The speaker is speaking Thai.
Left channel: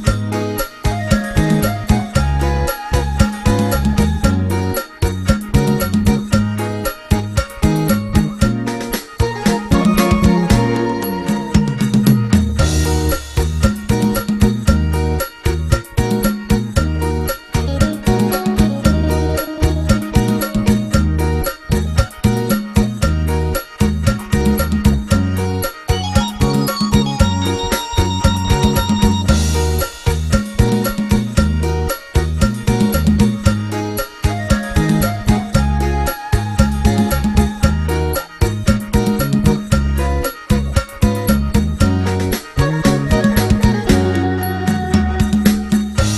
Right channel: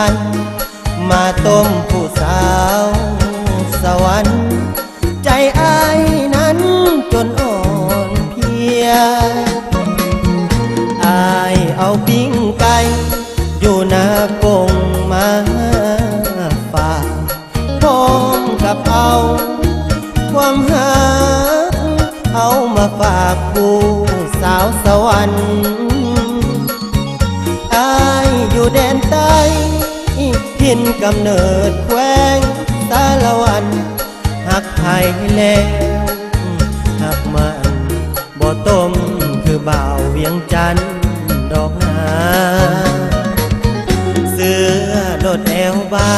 กันมาต้มผู้สาวสวรรค์ใจอ้ายนั้นจนอ่อนเพลียอ้ายเอาปิ้งไก่อยู่หน้ากงมาฝากพร้อมกับเอาความหาเอามาฝากผู้สาวสวรรค์อ้ายอยู่แดนใต้ถิ่นกำเนิดแขวงสารวันหักไทยแลหักมันบ่ต้มคือบ่าวเวียงจันทน์ดอกหาเสื้อโดดแอวบา